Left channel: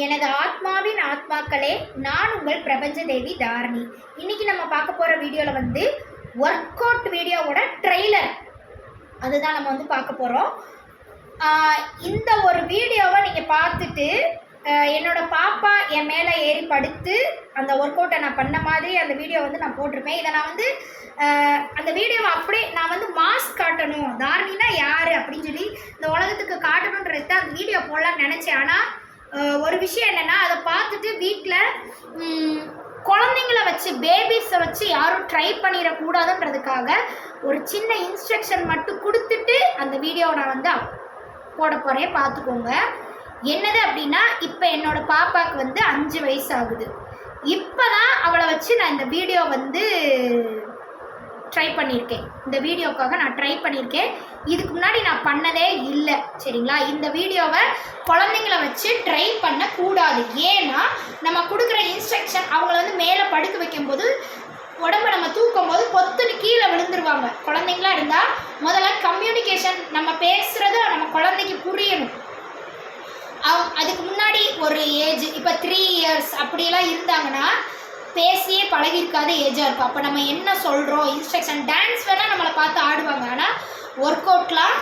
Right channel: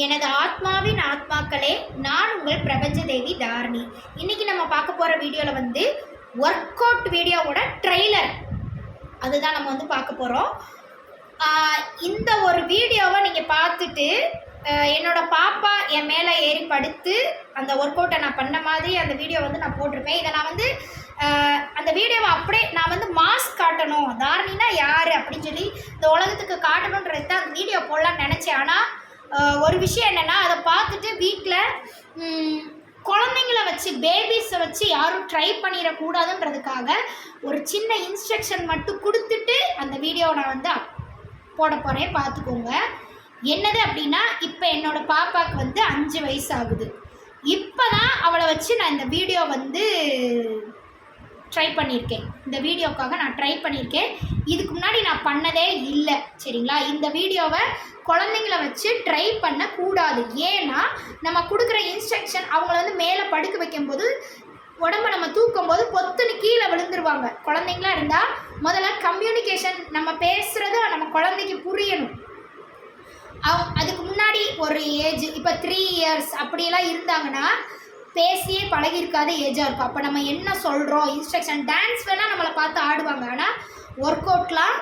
எனது ஆத்மாவின் ஆத்மாக்களே, நான் உங்கள் பிரபஞ்ச தேவி தாரணி. இன்னைக்கு நம்ம பார்க்க போகிற வீடியோவில் வந்து ஒர்க் அவுட் வீடியோவோட ட்ரெய்லர் அதுதான் நம்ம வந்து பார்க்க போகிறோம். இந்த ஒரு வீடியோவை நீங்கள் பார்த்துட்டு என்னோடய பாப்பா என் மேலே ஏறி படுத்து அந்த ஒர்க் அவுட்டை நான் பண்ண மாதிரி அந்த வீடியோ வந்து நான் போட்டிருப்பேன். இதை நான் வந்து அந்த வீடியோவை அப்படியே நான் வந்து மாஸ்க் காட்டணும், தாரணினா யார் அப்படின்னு சொல்லி இந்த உலகத்துக்கு காட்டணுன்றது தான் அந்த வீடியோ போடலான்னு நினச்சேன். ஆனால் ஒரு விஷயம் என்னென்னா, அதை பார்த்துட்டு வீட்டில் குழந்தைங்கள வச்சு பேபிஸை வச்சு யாரும் ட்ரை பண்ணிடக்கூடாதுன்றதுக்காக ஒரு சின்ன இன்ஸ்ட்ரக்ஷன் மட்டும் கொடுத்துட்டு அந்த வீடியோவை நான் வந்து போட போகிறேன். பார்த்துக்கோங்க. என்னது அப்படின்னா, இப்போ என்னோடய பாப்பாவுக்கு வந்து 5 வயசு ஆகுது. இப்போ தான் அவளை வச்சு நான் இந்த வீடியோ வந்து ட்ரை பண்ணியிருக்கேன். இந்த வீடியோக்காக நான் ட்ரை பண்ணியிருக்கேன். இதுக்கு முன்னாடி நான் பண்ணதே இல்லை, சரிங்களா? இந்த வீடியோவை குழந்தைங்கள வச்சு ட்ரை பண்ணக்கூடாது. ஏன்னா நம்ம கொடுக்குற இன்ஸ்ட்ரக்ஷன் அவங்கள வந்து மேலே படுக்க வைக்கும்போது உடம்பை நம்ம தூக்கும் போது பொத்துன்னு கீழே விழுந்துருவாங்க. குழந்தைங்களா இருந்தால் முதல்ல கம்யூனிகேஷன், நம்ம பேசுகிறது நம்ம குழந்தைக்கு புரியணும். அதுக்கு முன்னாடி ஒரு ஏஜ், இப்போ 3 இயர்ஸ் அப்படியெல்லாம் இருந்தாங்கன்னா பேசியே பழகிருக்காத ஏஜாக இருக்கும். அப்போ நம்ம என்ன சொல்கிறோம், இன்ஸ்ட்ரக்ஷன், டான்ஸ் வேணால் நம்மளை பார்த்து ஆடுவாங்க. ஆனால் ஒர்க் அவுட்லாம்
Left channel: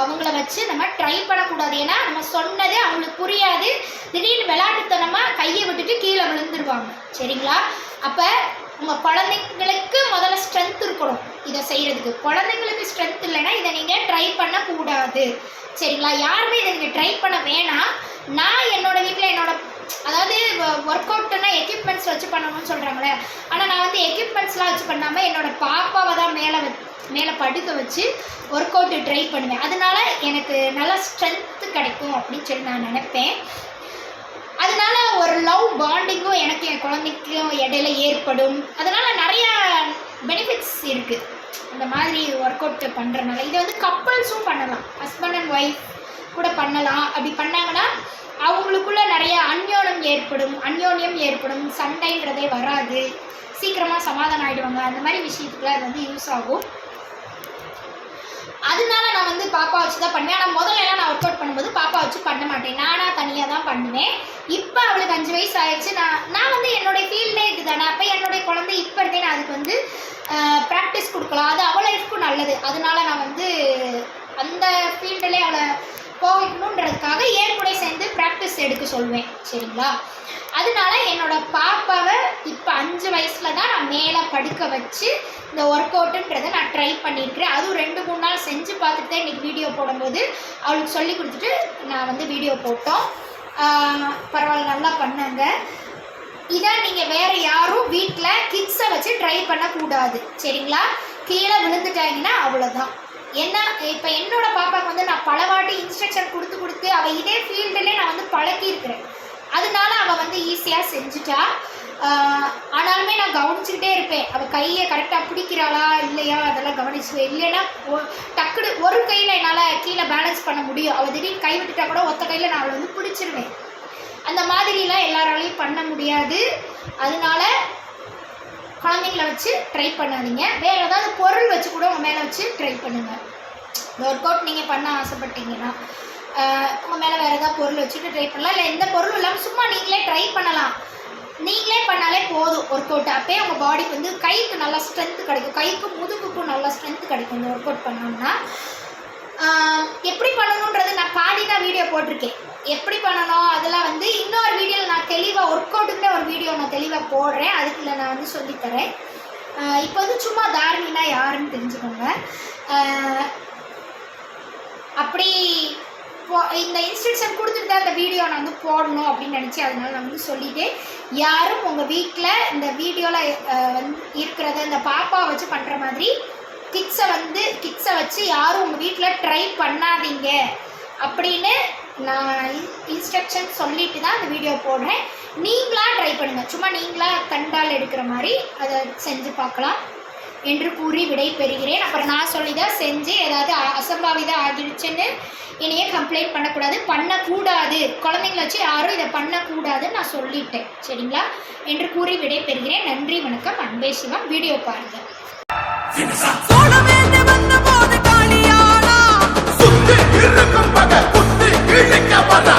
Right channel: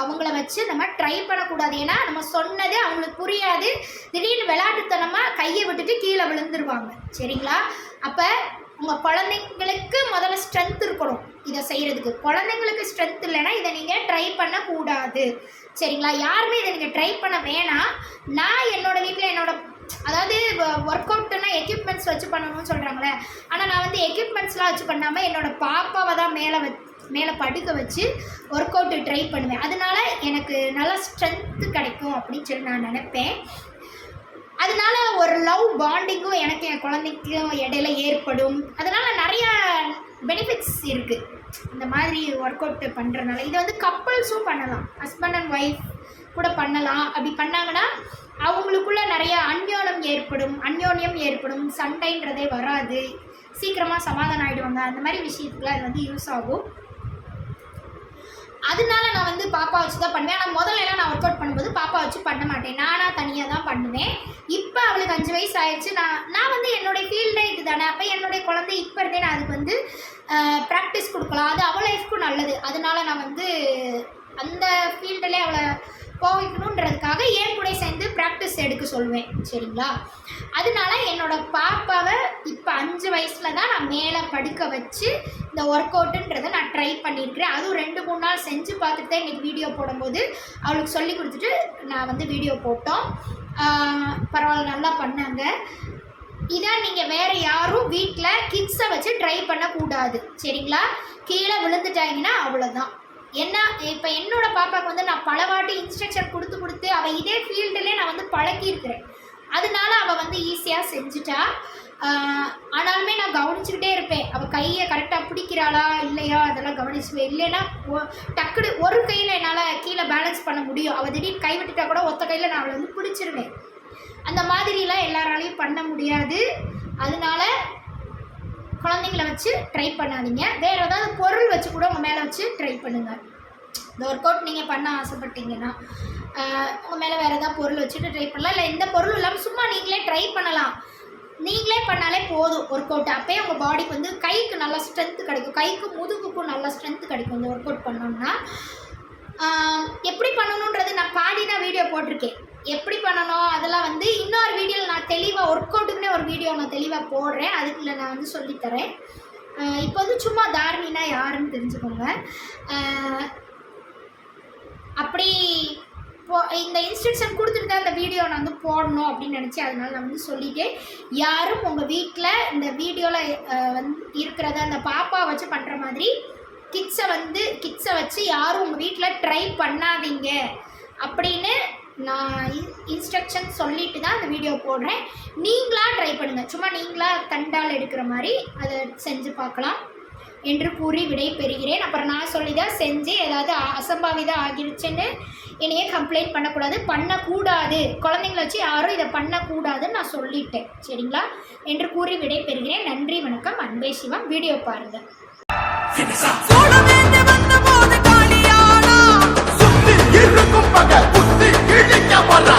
அவங்கள வச்சு நம்ம ட்ரை பண்ணக்கூடாது. ஏன்னா நம்ம சொன்னது அவங்களுக்கு புரியாது. திடீர்னு விளையாட்டுத்தனமாக கையை விட்டுட்டு கீழே விழுந்துருவாங்க, சரிங்களா? அப்போ உங்கள் குழந்தைங்களுக்கு முதல்ல ஸ்ட்ரென்த் இருக்கணும் இதை செய்கிறதுக்கு. குழந்தைங்களுக்கு ஸ்ட்ரென்த் இல்லைன்னா இதை நீங்கள் ட்ரை பண்ணக்கூடாது, சரிங்களா? யாருமே இதை நீங்கள் ட்ரை பண்ண வேணாம். நான் என்னோடய வீட்டில் அதாவது ஒர்க் அவுட்டுன்னா எக்யூப்மெண்ட்ஸ் வச்சு பண்ணணும்னு சொல்கிறாங்களே, ஆனால் நான் வந்து எக்யூப்மெண்ட்ஸ்லாம் வச்சு பண்ணாமல் என்னோடய பாப்பாவை தான் மேலே படுக்க வச்சு ஒர்க் அவுட்டு ட்ரை பண்ணுவேன். அதனால எனக்கு நல்லா ஸ்ட்ரென்த்து கிடைக்கும் அப்படின்னு சொல்லி நான் நினைப்பேன். அதனால ஒரு லவ் பாண்டிங்கும் எனக்கு என் குழந்தைக்கும் இடையில ஏற்படும். அதனால் நிறையா பெனிஃபிட்ஸ் இருக்குது இந்த மாதிரி ஒர்க் அவுட் பண்ணுறதுனால. இதை வந்து கப்புள்ஸும் பண்ணலாம், ஹஸ்பண்ட் அண்ட் ஒய்ஃப் கூட பண்ணலாம். அப்படி பண்ணாங்கன்னா அவங்களுக்குள்ள நிறைய அந்யோன்யம் ஏற்படும், சண்டைன்றதே வராது, சீக்கிரமாக சமாதானம் ஆகிடுவாங்க. அந்த மாதிரி விஷயத்துக்குலாம் இது வந்து யூஸ் ஆகும். அதனால நான் வந்து பாப்பா வச்சு தான் பண்ணுவேன். ஆனால் முதல்லலாம் நான் ஒர்க் அவுட் பண்ணும்போது பாப்பா வச்சு பண்ண மாட்டேன், நானாக தனியாக தான் பண்ணுவேன். இப்போ அவளுக்கு 5 வயசு ஆயிடுச்சு. நான் வந்து என்னுடைய ஃபீல்டே இது தானே. அப்போ என்னுடைய குழந்தை இப்போ இருந்தே நான் அதுக்கு வந்து ப்ராக்டிஸ் கொடுக்கலாம், அது அவள் லைஃப்க்கும் நல்லது. அதனால நான் வந்து அந்த ஃபீல்டிலே அவளை போகணுன்றதுக்காக ஏன் கூட சேர்ந்து ப்ராக்டிஸ் எடுக்க சொல்லுவேன், சரிங்களா? அதனால என்னோடய பாப்பாவை இப்போ 5 வயசில் தான் நான் மேலே படுக்க வச்சு இந்த ஒர்க் அவுட்டுன்றதை நான் ட்ரை பண்ணியிருக்கிறேன். அதுவும் 2-3 நாள் செஞ்சு பார்த்துட்டு தான் இன்றைக்கி வீடியோ போடும்போது அவளுக்கு சொல்லி கொடுத்துட்டு நான் வந்து வீடியோ போட்டோம். பரவாயில்ல, நல்லா பண்ணாங்க. இதான் நீங்கள் வேறு யாரும் வீட்டில் கிட்ஸை வச்சு ட்ரை பண்ணக்கூடாது, சரிங்களா? கீழே விழுந்துட்டாங்கன்னா அவ்வளோதான். ஏன்னா இப்போ என்னோடய பாப்பாவுக்கு வந்து நான் பல வாட்டி இன்ஸ்ட்ரக்ஷன் கொடுத்து அவள் இதே ஃபீல்டுலேயே நான் வந்து பழக்கியிருக்கிறேன். அதனால அவள் வந்து ஈஸியாக செஞ்சுட்டா. ஆனாலுமே நான் கவனிச்சுக்கிட்டே இருப்பேன், அவள் கையை கரெக்டாக பிடிக்கிறாளா இல்லையா அதெல்லாம் கவனிச்சுவேன். இல்லைன்னா டக்குனு ஒரு கையில் என்னால் கீழே பேலன்ஸ் பண்ண முடியும். அவள் திடீர்னு கை விட்டுட்டா கூட ஒத்த கையில் நான் அவளை வந்து பிடிச்சிருவேன். அந்த மாதிரிலாம் எல்லாராலையும் பண்ண முடியாது. அதனால குழந்தைங்கள வச்சு ட்ரை பண்ணாதீங்க. வேறு ஏதாவது பொருள் வச்சு கூட உங்கள் மேலே வச்சு ட்ரை பண்ணுங்கள். இந்த ஒர்க் அவுட் நீங்கள் பண்ண ஆசைப்பட்டீங்கன்னா உங்கள் மேலே வேறு ஏதாவது பொருள் வச்சுட்டு ட்ரை பண்ணலாம். இல்லை எந்த பொருளும் இல்லாமல் சும்மா நீங்களே ட்ரை பண்ணலாம். நீங்களே பண்ணாலே போதும் ஒர்க் அவுட். அப்போயே உங்கள் பாடிக்கு வந்து கைக்கு நல்லா ஸ்ட்ரென்த்து கிடைக்கும், கைக்கும் முதுகுக்கும் நல்லா ஸ்ட்ரென்த்து கிடைக்கும் இந்த ஒர்க் அவுட் பண்ணோம்னா. எப்படி பண்ணணுன்றது நான் பாடி தான் வீடியோ போட்டிருக்கேன். எப்படி பண்ணணும் அதெல்லாம் வந்து இன்னொரு வீடியோவில் நான் தெளிவாக ஒர்க் அவுட்டுக்குள்ளே ஒரு வீடியோ நான் தெளிவாக போடுறேன். அதுக்குள்ளே நான் வந்து சொல்லித்தரேன். இப்போ வந்து சும்மா தாரணினா யாருன்னு தெரிஞ்சுக்கோங்க. அப்படி இந்த இன்ஸ்ட்ரக்ஷன் கொடுத்துட்டு தான் இந்த வீடியோ நான் வந்து போடணும் அப்படின்னு நினச்சேன். அதனால நான் வந்து சொல்லிட்டேன். யாரும் உங்கள் வீட்டில் இந்த வீடியோவில் வந்து இருக்கிறத இந்த பாப்பா வச்சு பண்ணுற மாதிரி கிட்ஸை வச்சு யாரும் உங்கள் வீட்டில் ட்ரை பண்ணாதீங்க அப்படின்னு நான் இன்ஸ்ட்ரக்ஷன் சொல்லிட்டு தான் அந்த வீடியோ போடுறேன். நீங்களாக ட்ரை பண்ணுங்கள், சும்மா நீங்களாக கண்டால் எடுக்கிற மாதிரி அதை செஞ்சு பார்க்கலாம் என்று கூறி விடை பெறுகிறேன். அப்புறம் நான் சொல்லி தான் செஞ்சு ஏதாவது அசம்பாவிதம் ஆகிடுச்சுன்னு என்னையே கம்ப்ளைண்ட் பண்ணக்கூடாது. குழந்தைங்கள வச்சு யாரும் இதை பண்ணக்கூடாதுன்னு நான் சொல்லிட்டேன், சரிங்களா? என்று கூறி விடை பெறுகிறேன். நன்றி, வணக்கம். அன்பே சிவம். வீடியோ பாருங்கள். இருக்கும் பகை புத்தி இழிக்க வரா